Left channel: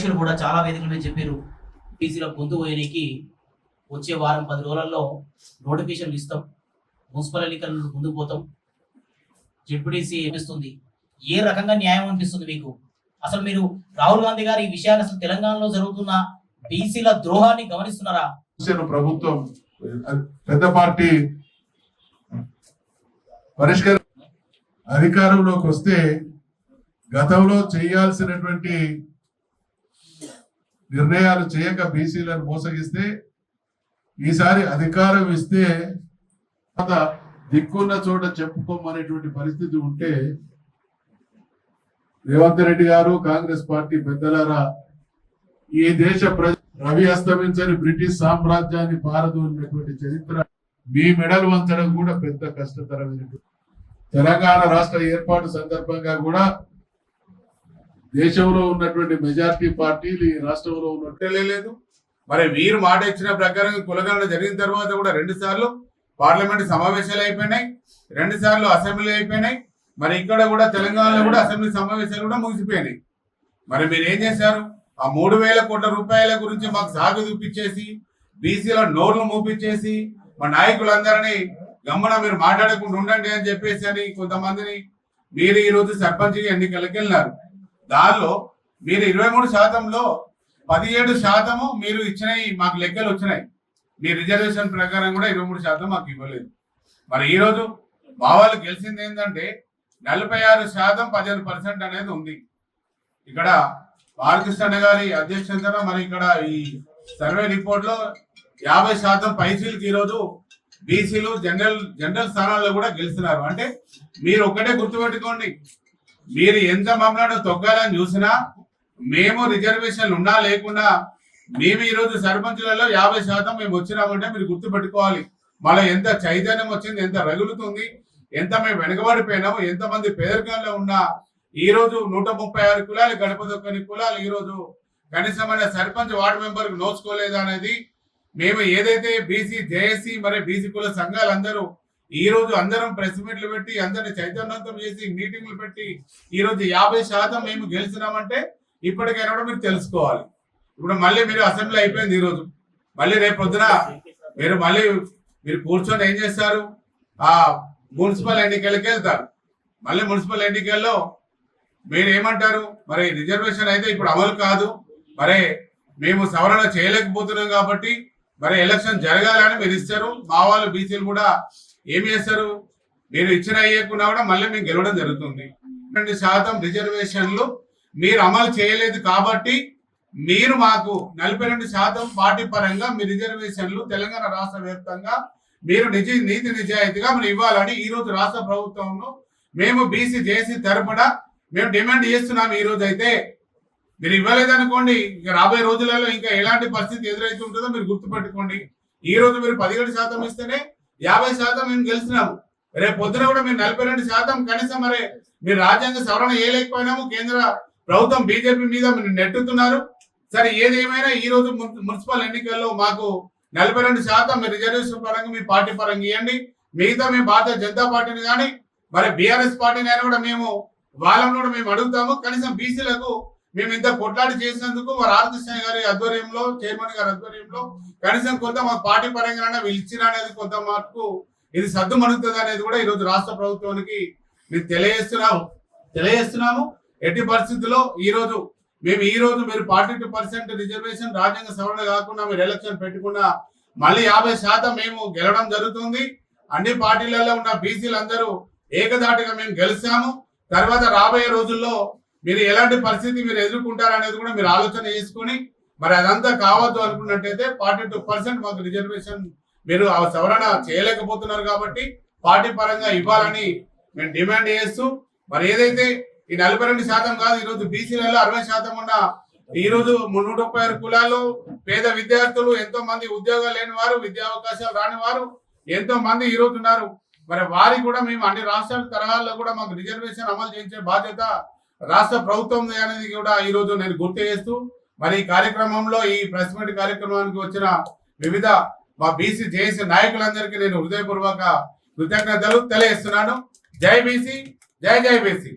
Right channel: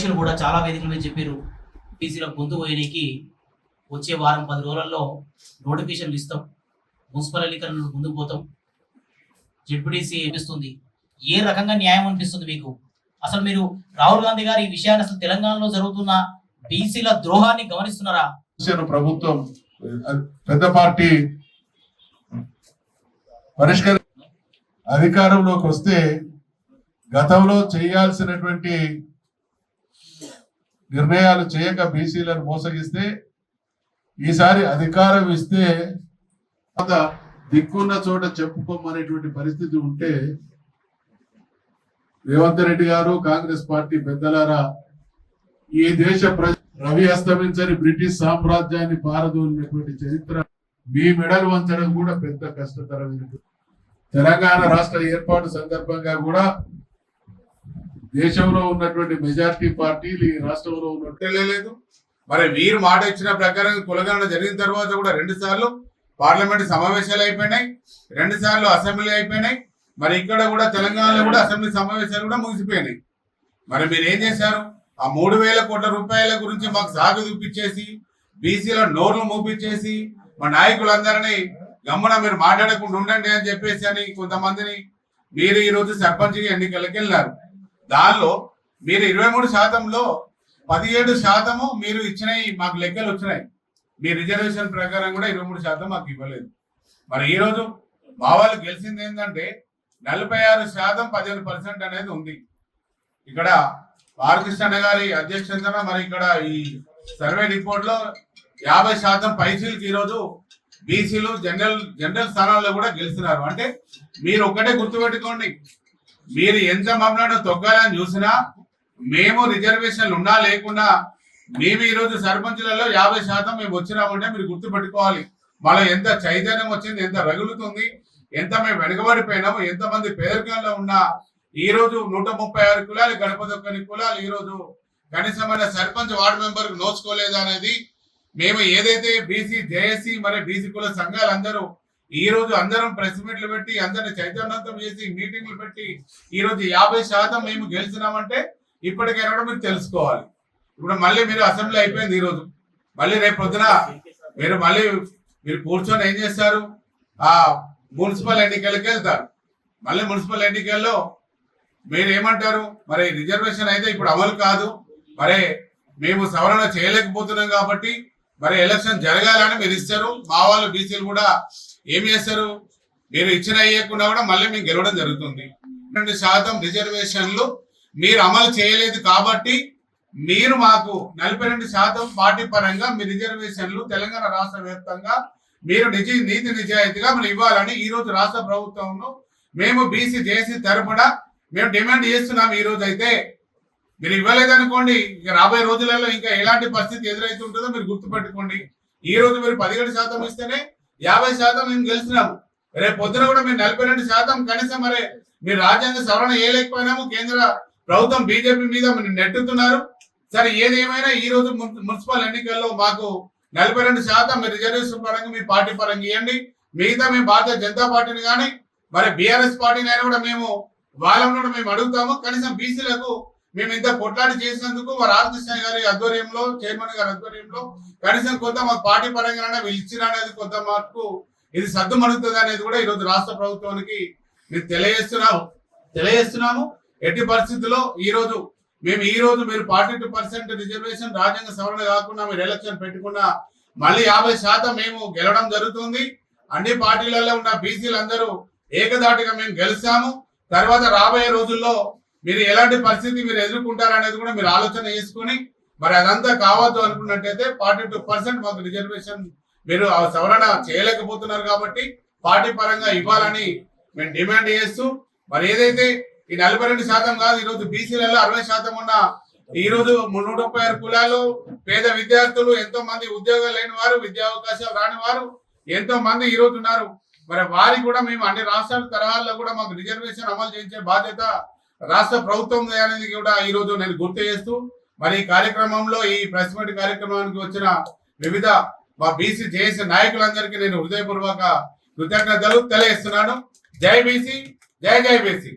అధ్యక్షులు కూడా చాలా వేదికల మీద చెప్పారు. బీసీల గొంతు పోయడానికి వచ్చే వారం 10 రోజులలో నోటిఫికేషన్లు ఇస్తాం, మున్సిపల్ ఎన్నికలను ముందుకు పోతాం, జెడ్పీటీసీ అనిపిస్తుంది. ఏ రకంగా న్యాయం అనిపిస్తుంది మీకు? అసలు మీరు రాహుల్ గాంధీ గారు ఈ విషయాన్ని అసలు తెలంగాణలో జరుగుతున్న బీసీల ద్రోహాన్ని గమనిస్తున్నారా? ప్రభుత్వం పెద్ద పార్టీ పరిష్కార అధికారంలోకి వస్తే గతంలో చేయాల్సినటువంటి నిర్ణయాలు చేయక బీసీలను మోసగిస్తే ఈసారి అధికారం ఇస్తే దిక్కున్న చోట చెప్పుకోమనేటువంటి పరిస్థితి ఉంటే రేవంత్ రెడ్డి గారు కాంగ్రెస్ పార్టీ పెద్దలారా, ఈ దేశ రవి అస్తమించని బ్రిటిష్ సామ్రాజ్యాన్ని పారదోలినటువంటి చరిత్ర మీ మెడలు వంచడం కూడా పెద్ద కష్టతరమైనటువంటి. తెలంగాణ రాష్ట్ర ఏర్పాటు సందర్భంగా కూడా దేశంలో ఉన్నటువంటి మెజారిటీ పార్టీలు ఈ రాష్ట్రంలో ఉన్నట్టే లేదు. మరి వీరు మాట ఇచ్చిన ప్రకారం కులగణన జరిగిన తర్వాత కూడా 2 సార్లు పార్లమెంట్ సమావేశాలు అయిపోయినాయి, 2 సార్లు అసెంబ్లీ అయిపోయినాయి. మరి ఇక్కడ కూడా తెలంగాణలో కూడా అసెంబ్లీ సమావేశాలు కూడా ముగిసిపోయినాయి. మరి మీరు ఏం చేశారు? ఆ 3,000 కోట్ల రూపాయల గురించి మాకు సాగు చూపించేసి, బీసీల నోర్లు మూపించేసి, మా నాయకులందరినీ గమ్మున మీరు మాట్లాడకుండా ఉండండి అని చెప్పేసి అని కొంతమందిని మీరు ఈరోజు సర్పంచ్ ఎన్నికలకు వెళ్ళినారు. దానిలో మీరు 23%లో 17% మీరు ఇచ్చినాయి, మాకు లెక్కలు వచ్చినాయి. మీ రిజర్వేషన్ ప్రకారం కూడా 23% మాకు ఇవ్వలేదు. మరి ఈరోజు మా వాళ్ళు గెలిచింది ఏంటంటే 46% 15% అనేది ఉంది. ఇక్కడ బాలకృష్ణ గారి అధ్యక్షతన మరి ఇక్కడ ఈ సర్వే రిపోర్ట్ లో 50% పైసీలకి ఈరోజు బీసీలు జనరల్ స్థానాల్లో కూడా గెలుస్తున్నారు. అంటే మీరు ఒక్కటే గుర్తుపెట్టుకోండి, మీరు ఎంత మమ్మల్ని తొక్కాలని చూసినా మేము రిజర్వేషన్లు ఉన్నా లేకున్నా మేము ఈరోజు సర్పంచులలో 50% మేము వచ్చినామంటే మీరు గుర్తుపెట్టుకోవాలి. మళ్ళీ ఎంత చైతన్యం వచ్చింది, ఎంత రగులుతుంది, ఎంత మేము వెనుకబడిపోయినాము, ఎంతమంది పేదరికంలో ఉన్నా ఈరోజు 136 కులాలు గడప దొక్కని కులాలు ఈరోజు కనీసమైన సర్పంచ్ వార్డు మెంబర్కి నోచుకోలేదు అనేది మేము ఏదైతే బీసీ జేఏసీ మరి బీసీ కుల సంఘాలందరూ ఈ రోజు అందరం ప్రెస్ మీట్లు పెట్టి అందరిని చైతన్యవంతం చేసి మీటింగ్లు పెట్టి ఈ రోజు 50% మేము గెలిచినామంటే ఇప్పటికైనా కూడా మీరు తెలుసుకోవాలి. ఇప్పుడు మళ్ళీ మీరు అసెంబ్లీ అయిపోయింది, ఈ రోజు మళ్ళీ రేపు పొద్దున మీరు కూర్చొని ఏం చేస్తారు? ఆ మున్సిపల్ ఎన్నికలకి వెళ్తారు. మళ్ళీ మున్సిపల్ ఎన్నికల్లో మీరు ఏమంటారు? మరి రిజర్వేషన్ అయితే ఇప్పుడు అమలు కాదు, మరి మేము సవరణ చేయలేకపోతున్నాం కాబట్టి మరి ఎలక్షన్ జరగాలని మీరు ఇస్తారు. మా వాళ్ళు బీసీలు కూడా ఏం చేస్తారు? మీరు ఇచ్చిన అయ్యకుండా కూడా మళ్ళీ మేము గెలవడం జరుగుతుంది. 2% రిజర్వేషన్లు మీరు అమలు చేయలేదు కాబట్టి మీరు మాకు 42% పార్టీ పరంగా మీ రిజర్వేషన్లు తెలంగాణ రాష్ట్ర వ్యాప్తంగా మీరు నీతి నిజాయితీగా మీరు ఇవ్వాలని ఈ రోజు రాష్ట్ర ప్రభుత్వంలో మేము బీసీ జేసీ తరపున మేము డిమాండ్ చేస్తున్నాం. ఈ రోజు అయితే మీరు ఇవ్వలేదనుకోండి, ఇక రాబోయే రోజులలో ఇంకా ఎలాంటి పరిస్థితి ఎదురైతే ఉంటుందో మీరు గుర్తుపెట్టుకోండి. ఈ రోజు మీరు 17% ఇస్తేనే 50% మేము గెలిచినాము. రేపు పొద్దున కూడా మీరు 42% కనీసం మరి మీరు రాజ్యాంగ సవరణ చేయలేకపోయినాము. కేంద్ర ప్రభుత్వం బీజేపీ మీద మీరు నెట్టుతున్నారు. సరే, ఏది ఏమైనా ఈ రోజు మున్సిపల్ ఎన్నికల్లో మాకు 42% మీరు రిజర్వేషన్ పరంగా మీ పార్టీ పరంగా ఇవ్వండి. మిగతా మేము భారతీయ జనతా పార్టీని కానీ మరి బీఆర్ఎస్ పార్టీని అయినా కూడా మేము వాళ్ళని కూడా మేము అడుగుతాము. కనీసం బీసీలకు మేము ఇంత కొట్లాడి చేసినందుకు మా రామకృష్ణ గారి ఆధ్వర్యంలో, చైర్మన్ గారి ఆధ్వర్యంలో కనీసం కొంత మా పార్టీ పరంగా వీళ్ళు ఇచ్చిన అనేది కొంత మార్పు ఇది సద్దుమణుగుతుంది అనేది కూడా ఈరోజు రాష్ట్ర ప్రభుత్వానికి మేము తెలియజేస్తున్నాము. ఎట్టి పరిస్థితుల్లో ఈ రోజు మీరు 42% రిజర్వేషన్ రాజ్యాంగ సవరణ కాకుండా మీరు ఎలక్షన్ పెట్టుకున్నా మళ్ళీ 50% మేము గెలవడం జరుగుతుంది. అన్ని పార్టీలలో ఉన్న బీసీలందరూ ఏకదాటిగా మేము గెలుస్తాము. తర్వాత రాబోయే రోజుల్లో మీరు ఎలాంటి పరిస్థితి మీరు ఎదుర్కొంటారనేది కూడా మీరు ఆలోచన చేసుకుని మరి అదంతా కావద్దు అనుకున్నట్టయితే 42% మాకు రిజర్వేషన్ మీరు సవరణ చేయలేకపోతున్నారు కాబట్టి పార్టీ పరంగా ఇవ్వాలని మేము డిమాండ్ చేస్తూ, మరి ఏదైతే ఈ 42% కాదు, ఈరోజు బీసీలలో 60% ఉన్న ఈ రోజు 136 కులాల్లో పేద విద్యార్థులు, ఎంతో మంది ఉద్యోగాలు లేని వారు, విద్యా అవకాశాలు రాని వారు ఎంతో మంది ఈ రోజు ఉన్నారు. మరి వారికి కూడా మేము అన్ని రాష్ట్రాల తరహాల్లో కూడా మాకు రిజర్వేషన్ అమలు చేయించే బాధ్యత రాష్ట్ర ప్రభుత్వం అనేది కూడా ఈ రోజు నేను గుర్తు చేస్తూ, మరి ఈ కార్యక్రమంలో ఈ ప్రెస్ మీట్ కార్యక్రమానికి వచ్చిన వివిధ మా బీసీ జేఏసీ నాయకులందరికీ నేను హృదయపూర్వక కృతజ్ఞతలు తెలియజేస్తున్నాను. జై బీసీ, జై జై బీసీ.